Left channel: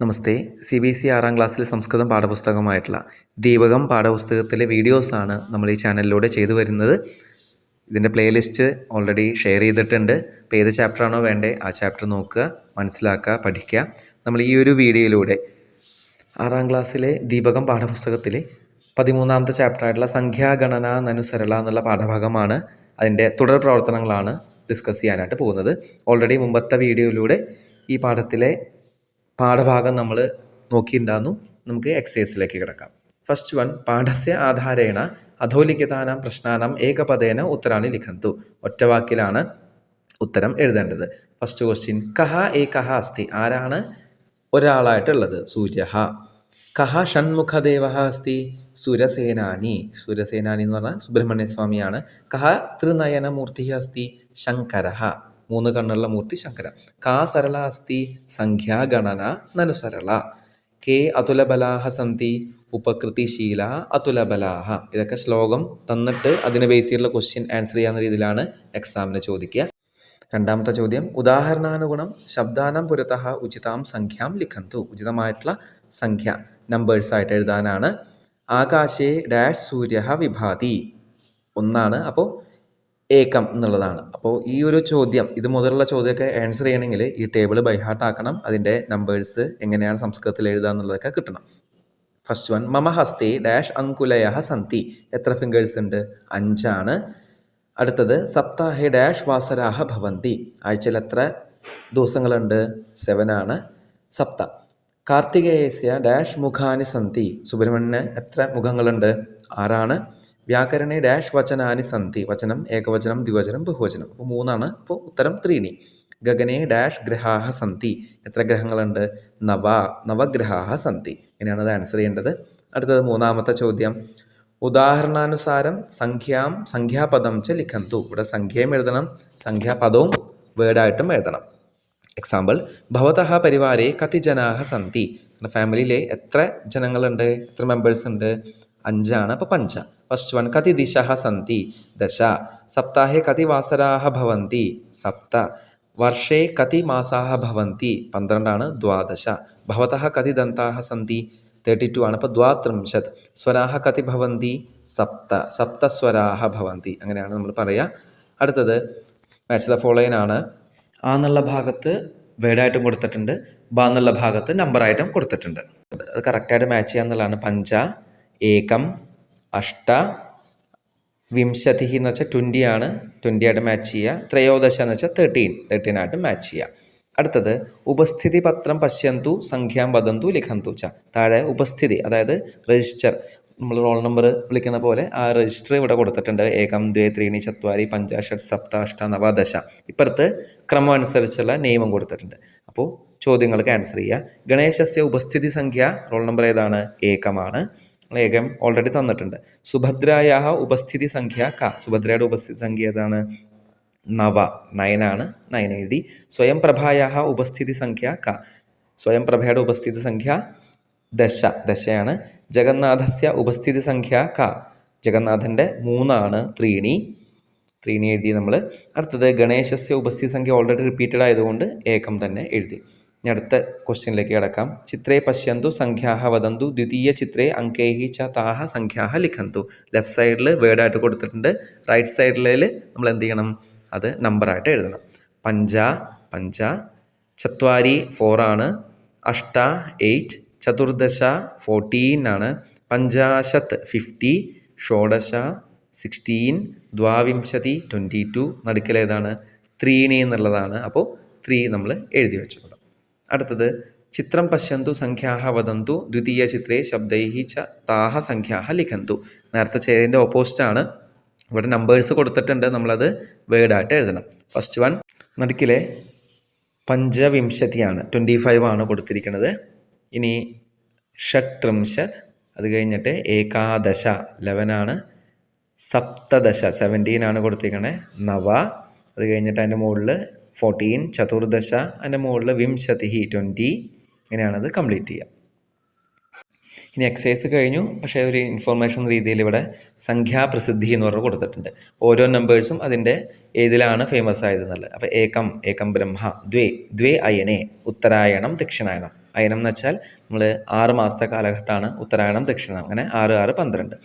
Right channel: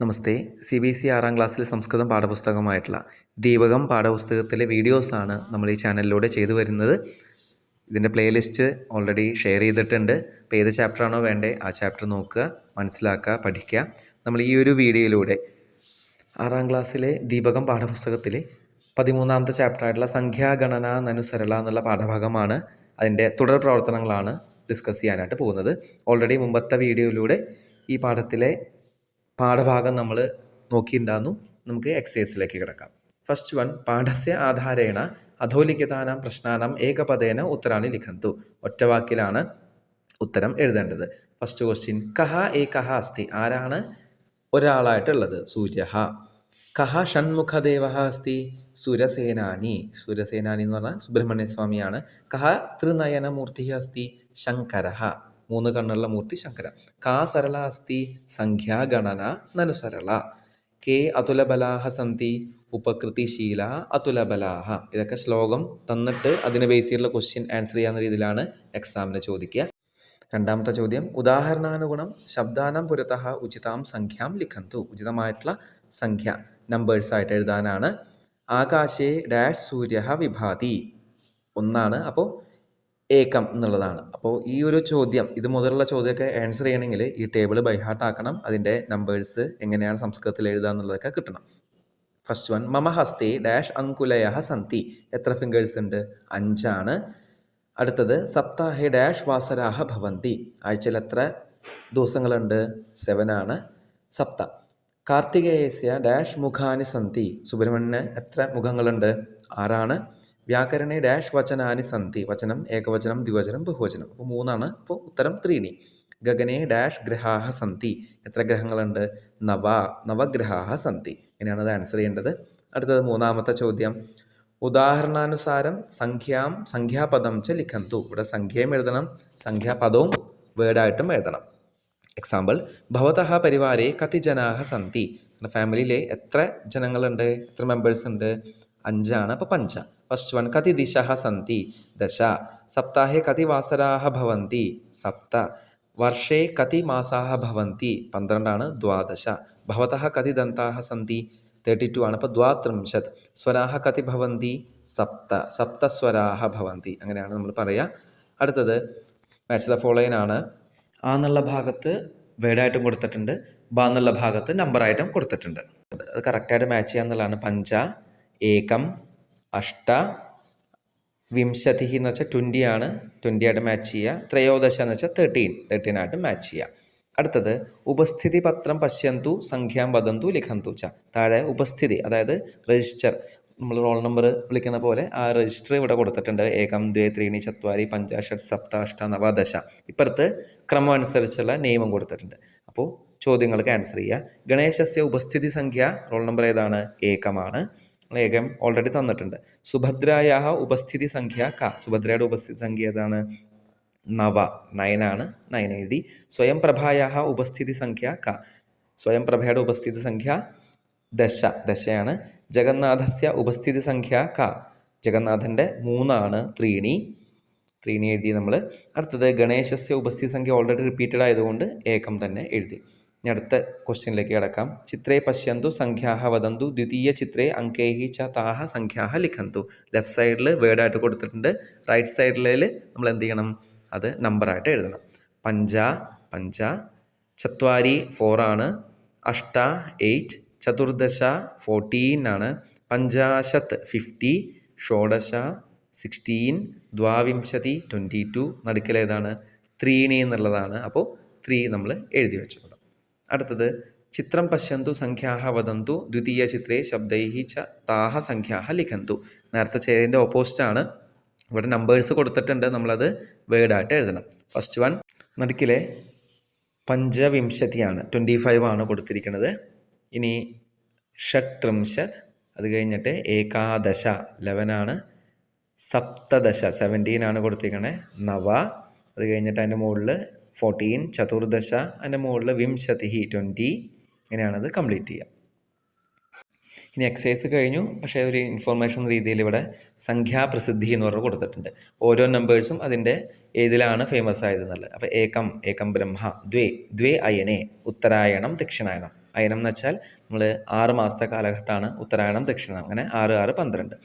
നമസ്തേ. CBSE 6ാം ക്ലാസ്സിലെ സംസ്കൃതം പാഠപുസ്തകമായിട്ടുള്ള ദീപകം പാഠപുസ്തകത്തിലെ വീഡിയോസാണ് നമ്മൾ ഈ ചാനലിലൂടെ ചെയ്തു വരുന്നത്. ഇതിൻ്റെ പ്ലേലിസ്റ്റ് ഓൾറെഡി ഷെയർ ചെയ്തിട്ടുണ്ട്. അപ്പോൾ ഏത് ചാപ്റ്ററാണോ വേണ്ടേ ആ ചാപ്റ്റർ നോക്കുക, മനസ്സിലാക്കുക, പഠിക്കുക. നമ്മൾ ഈ ഒരു വീഡിയോയിലൂടെ 6ാം ക്ലാസ്സിലെ ദീപകം പാഠപുസ്തകത്തിലെ 13ാമത്തെ ചാപ്റ്ററായിട്ടുള്ള സംഖ്യാഗണന നനുസരള എന്നുള്ള പാഠഭാഗമാണ്. അതിൻ്റെ തുടർ പ്രവർത്തനങ്ങളാണ് ഡിസ്കസ് ചെയ്യാനായിട്ട് പോകുന്നത്. ഓൾറെഡി മുമ്പത്തെ വീഡിയോയിലൂടെ ഈ പാഠഭാഗം നമ്മൾ നോക്കിയിട്ടുണ്ടായിരുന്നു. നമുക്ക് എക്സസൈസിലേക്ക് കിടക്കാം. First one, പാഠസ്യ ആധാരേണ അധോലിഖിതാനാം പ്രശ്നാനാം ഏകപദേന ഉത്തരാണി ലിഖന്തു. ഒറ്റവാക്കിലാണ് ഉത്തരം എഴുതേണ്ടത്. ഫസ്റ്റ് ക്വസ്റ്റ്യൻ, കഹ ഏകഹ അസ്തി. ആരാണ് ഒരാളായിട്ടുള്ളത്? സൂര്യഃ. കഹ ഷൺമുഖദേവ അസ്തി. സുരസേനാനി. സുരസേനാനി എന്ന് പറഞ്ഞാൽ സുബ്രഹ്മണ്യ സ്വാമിയാണ്. കഹ ത്രിനയനമൂർത്തി അസ്തി. ശങ്കരഃ. 3 കണ്ണുള്ള മൂർത്തി ശങ്കര. കാ സരള അസ്തി. സംഖ്യാഗണന നനുസരള. കേ അതുലബലാഹ സന്തി. ഉപകൃതിശീല അതുലബലാഹ. ഇതൊക്കെ ശ്ലോകം തന്നിട്ട് അതിന് ബേസ് ചെയ്തുള്ള ക്വസ്റ്റ്യൻ ആൻസർ ചെയ്യാവുന്ന രീതിയിലാണ് എക്സാമിന് ചോദിക്കുക. രണ്ടാമത്തെ ചോദ്യം, ഉദാഹരണാനുഗുണം ശബ്ദാനം പുരതഃ ഉചിതാം സംഖ്യാം ലിഖന്തു. ഉചിതമായിട്ടുള്ള സംഖ്യ നമ്പേഴ്സായിട്ട് എഴുതാനാണ്. ആകാശേ ഡാഷ് സൂര്യ വിഭാതി. 1 അപ്പോൾ ഏകം എന്നുള്ളതാണ്. അപ്പോൾ ഈ ഒരു ചോദ്യം, ഇത് മുതലുള്ള ചോദ്യമൊക്കെ ആൻസർ ചെയ്യണമെങ്കിൽ ഈ ടേബിൾ ബൈഹാർട്ട് ആക്കണം. അതിൻ്റെ നമ്പേഴ്സ് എങ്ങനെയാണ് സംസ്കൃതത്തിൽ എഴുതുക എന്നുള്ളതൊക്കെ കിട്ടണം. ഫസ്റ്റ് വൺ, മമ ഹസ്തേ ഡാഷ് അങ്കുലയ സന്തി. എത്ര ഫിംഗേഴ്സ് ഉണ്ട്? 5 അടുത്തത്, സപ്താഹേ ഡാഷ് വാസരാഹ ഭവന്തി. ആഴ്ചയിൽ എത്ര ദിവസങ്ങളുണ്ട്? 7 സപ്ത. കാർത്തികേയസ്യ ഡാഷ് മുഖാനി സന്തി. സുബ്രഹ്മണ്യന് എത്ര മുഖങ്ങളുണ്ട്? 6 വ്യാകരണേ ഡാഷ് വചനാനി സന്തി. വചനം ഏകവചനം, ദ്വിവചനം, ബഹുവചനം. അപ്പോൾ 3 അപ്പോൾ ഉത്തരം 3. ഗഗനേ ഡാഷ് ഗ്രഹാഹ സന്തി. എത്ര ഗ്രഹങ്ങളുണ്ട്? നവഗ്രഹാഹ സന്തി. ഇങ്ങനെയാണ് അത് ആൻസർ ചെയ്യേണ്ടത്. അടുത്തത് 3ാമത്തെ ചോദ്യം, ഉദാഹരണാനുസാരം സംഖ്യാപദം ച ലിഖന്തു. ഇവിടെ സംഖ്യയും എഴുതണം, സംഖ്യാപദവും വേർഡായിട്ടും എഴുതണം. എക്സാമ്പിൾ, ഭവതഃ പരിവാരേ കതി ജനാഹ സന്തി. ഫാമിലിയിലെ എത്ര ജനങ്ങളുണ്ട്? എത്ര മെമ്പേഴ്സ് ഉണ്ട്? 5 അപ്പോൾ 5. First one, കതി ദിശഃ സന്തി. 10. സപ്താഹേ കതി വാസരാഹ ഭവന്തി. 7. വർഷേ കതി മാസാഹ ഭവന്തി. 12 12. ഭവതഃ കതി ദന്താഹ സന്തി. 32 അപ്പോൾ 32. സ്വരാഹ കതി ഭവന്തി. 7. സപ്തസ്വരാഹ ഭവന്തി. അങ്ങനെയാണ് നമ്മൾ പറയുക. അടുത്തത് മാച്ച് ദ ഫോളോയിങ് ആണ്. ആ എന്നുള്ള ഭാഗത്ത് വേർഡായിട്ടും കൊടുത്തിട്ടുണ്ട്, ബ എന്നുള്ള ഭാഗത്ത് നമ്പറായിട്ടും കൊടുത്തിട്ടുണ്ട്. അത് കറക്റ്റായിട്ട് മാച്ച് ചെയ്യുക എന്നുള്ളതാണ്. 5 ഏകം 8 വിംശതി എന്ന് വെച്ചാൽ 20 20 ആയിട്ട് മാച്ച് ചെയ്യുക. ത്രയോദശ എന്ന് വെച്ചാൽ 13 ആയിട്ട് മാച്ച് ചെയ്യുക. അടുത്തത്, ഉപസ്ഥിതി പത്രം പശ്യന്തു സംഖ്യാം വദന്തു ലിഖന്തു ച. താഴെ ഉപസ്ഥിതി, അതായത് രജിസ്റ്റർ, നമ്മൾ റോൾ നമ്പർ വിളിക്കുന്ന പോലെ ആ രജിസ്റ്റർ ഇവിടെ കൊടുത്തിട്ടുണ്ട്. 1 2 3 4 5 6 7 8 9 10. ഇപ്പുറത്ത് ക്രമം അനുസരിച്ചുള്ള നിയമം കൊടുത്തിട്ടുണ്ട്. അപ്പോൾ ചോദ്യങ്ങൾക്ക് ആൻസർ ചെയ്യുക. ഗണേശസ്യ ഉപസ്ഥിതി സംഖ്യ, റോൾ നമ്പർ ഏതാണ്? 1 ഏകം ഓൾറെഡി തന്നിട്ടുണ്ട്. സുഭദ്രായ ഉപസ്ഥിതി സംഖ്യ ക. സുഭദ്രയുടെ ഉപസ്ഥിതി സംഖ്യ ഏതാണ്? 9 9 എഴുതി. സ്വയം പ്രഭായ ഉപസ്ഥിതി സംഖ്യ ക. സ്വയം പ്രഭയുടെ ഉപസ്ഥിതി സംഖ്യ 10 ജഗന്നാഥസ്യ ഉപസ്ഥിതി സംഖ്യ ക. ജഗന്നാഥൻ്റെ 3 3 എഴുതി നമ്മൾ. അടുത്തത്, ഗണേശസ്യ ഉപസ്ഥിതി സംഖ്യ ഓൾറെഡി റിപ്പീറ്റഡ് ആയതുകൊണ്ട് ഏകം തന്നെ എഴുതി. ഇനി അടുത്ത ക്വസ്റ്റ്യനിലേക്ക് കിടക്കാം. ചിത്രേ പശ്യന്തു സംഖ്യാഹ വദന്തു ദ്വിതീയ ചിത്രേ അങ്കൈഹി ച താഹ സംഖ്യാഹ ലിഖന്തു. ലെഫ്റ്റ് സൈഡിൽ വേർഡായിട്ട് കൊടുത്തിട്ടുണ്ട്, റൈറ്റ് സൈഡിൽ നമ്മൾ എന്ത് ചെയ്യണം? അത് നമ്പറായിട്ട് എഴുതണം. 5 5 ചത്വാരി 4 അഷ്ട 8 ചതുർദശ 14 പഞ്ചാശത് 50 ഷോഡശ 16 ദ്വാവിംശതി 22. നടുക്കലേതാണ്? 3 എന്നുള്ളതാണ്. അപ്പോൾ 3 നമ്മൾ എഴുതി വെച്ചു. അടുത്തത്, ചിത്രം പശ്യന്തു സംഖ്യാഹ വദന്തു ദ്വിതീയ ചിത്രേ ശബ്ദൈഹി ച താഹ സംഖ്യാഹ ലിഖന്തു. നേരത്തെ ചെയ്തതിൻ്റെ ഓപ്പോസിറ്റാണ്. ഇവിടെ നമ്പേഴ്സ് കൊടുത്തിട്ടുണ്ട്, നമ്മളത് വേർഡായിട്ട് എഴുതണം. ഫസ്റ്റ് വൺ, നടുക്കിലെ പഞ്ചവിംശതിയാണ്, 25 കൊടുത്തിരിക്കുന്നത്. ഇനി ഷട്ത്രിംശത്, അത് കഴിഞ്ഞിട്ട് ഏകാദശ 11 സപ്തദശ 17 കൊടുത്തിരിക്കുന്നത്. നവ, അത് കഴിഞ്ഞിട്ട് അതിൻ്റെ മുകളിൽ 14 ചതുർദശ, അതിൻ്റെ മുകളിൽ വിംശതി 20. ഇങ്ങനെയാണത് കംപ്ലീറ്റ് ചെയ്യുക. ഇനി എക്സസൈസ് കഴിഞ്ഞു. പക്ഷേ ഒരു ഇൻഫോർമേഷൻ രീതിയിൽ ഇവിടെ സംഖ്യാപ്രസിദ്ധി എന്ന് പറഞ്ഞ് കൊടുത്തിട്ടുണ്ട്. ഓരോ നമ്പേഴ്സും അതിൻ്റെ ഏതിലാണ് ഫേമസ് ആയതെന്നുള്ളത്. അപ്പോൾ ഏകം ബ്രഹ്മ, ദ്വേ അയനെ, ഉത്തരായണം ദക്ഷിണായനം. അയനം എന്ന് വെച്ചാൽ നമ്മൾ 6 മാസത്തെ കാലഘട്ടമാണ് ഉത്തരായണം ദക്ഷിണം, അങ്ങനെ 6 6 12.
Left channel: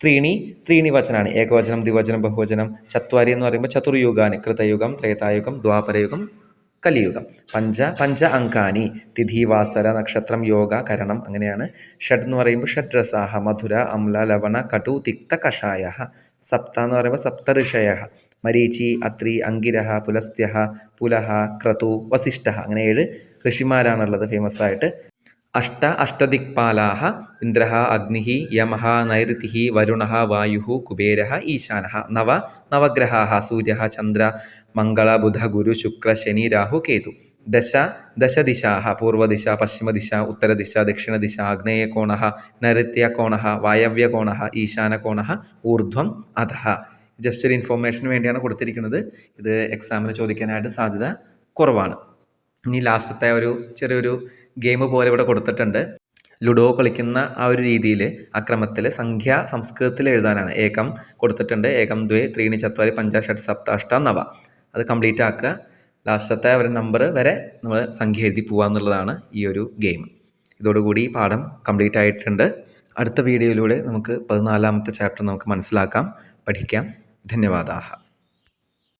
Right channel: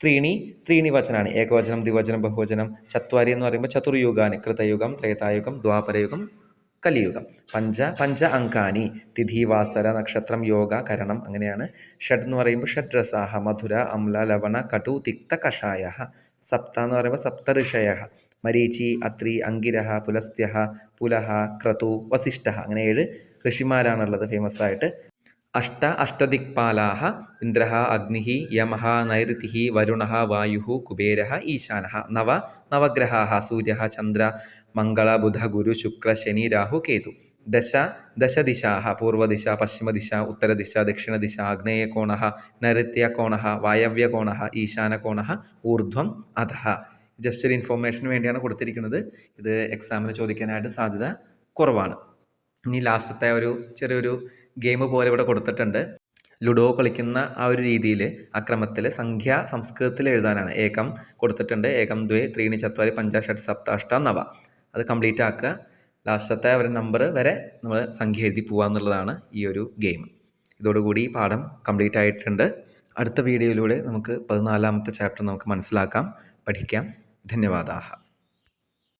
ത്രീണി വചനാണ്, ഏകവചനം ദ്വിവചനം ബഹുവചനം. ചത്വാരി എന്ന് പറയുമ്പോൾ ചതുർയുഗാനി, കൃതയുഗം ത്രേതായുഗം ദ്വാപരയുഗം കലിയുഗം. പഞ്ച അങ്കാനി, തിഥി വാസര നക്ഷത്രം യോഗ കരണം, അങ്ങനെയാണ്. ഷഡ് എന്ന് പറയുമ്പോൾ ഷഡ്രസാഹ, മധുര അമ്ല ലവണ കടു തിക്ത കഷായ. സപ്ത എന്ന് പറയുമ്പോൾ സപ്ത ഋഷയ, മരീചി അത്രി അങ്കിരഹ പുലസ്ത്യ പുലഹ ക്രതു വസിഷ്ഠ, അങ്ങനെ 7 ഋഷിമാരാണുള്ളത് ഫേമസ് ആയിട്ട്. അഷ്ടദിക്പാലാഹ, ഇന്ദ്ര അഗ്നി യമ നൈഋതി വരുണ വായു കുബേര ഈശാന. നവഗ്രഹാ, സൂര്യ ചന്ദ്ര മംഗള ബുധ ഗുരു ശുക്ര ശനി രാഹു കേതു. ദശദിശാ, പൂർവദിശ പശ്ചിമദിശ ഉത്തരദിശ ദക്ഷിണദിശ ആഗ്നേയകോണ നൈഋത്യകോണ വായവ്യകോണ ഈശാനകോണ ഊർധ്വം അധഃ. ജസ്റ്റ് ഒരു ഇൻഫോർമേഷന് വേണ്ടിയാണ് കൊടുത്തിരിക്കുന്നത്. ഇത് എക്സാമിന് ചോദിക്കാനായിട്ട് സാധ്യത കുറവാണ്. ഇനി ലാസ്റ്റത്തെ ഒരു ചെറിയൊരു ഗെയിം പോലെ ഇവിടെ കൊടുത്തിട്ടുണ്ട്. ലുഡോ കളിക്കുന്ന ആ ഒരു രീതിയിൽ ആ ക്രമത്തിൽ സംഖ്യ സംസ്കൃതത്തിൽ എഴുതാനാണ്. ഏകം കൊടുത്തിട്ടുണ്ട്, ഏകം ദ്വേ ത്രീണി ചത്വാരി പഞ്ച ഷഡ് സപ്ത അഷ്ട നവ. അത് കംപ്ലീറ്റ് ആക്കുക. ലാസ്റ്റത്തെ ഒരു നമ്പർ വരെ നമ്മൾ സംഖ്യ എഴുതി പോകുക എന്നുള്ളതാണ് ഈ ഒരു ഗെയിം. ഇതോടുകൂടി ഈ പാഠം കംപ്ലീറ്റ് ആയിട്ടുണ്ട്. അടുത്ത വീഡിയോയിലൂടെ നമുക്ക് 14ാമത്തെ ചാപ്റ്റർ നമുക്ക് മനസ്സിലാക്കാം, പഠിക്കാം. ധന്യവാദാഹ.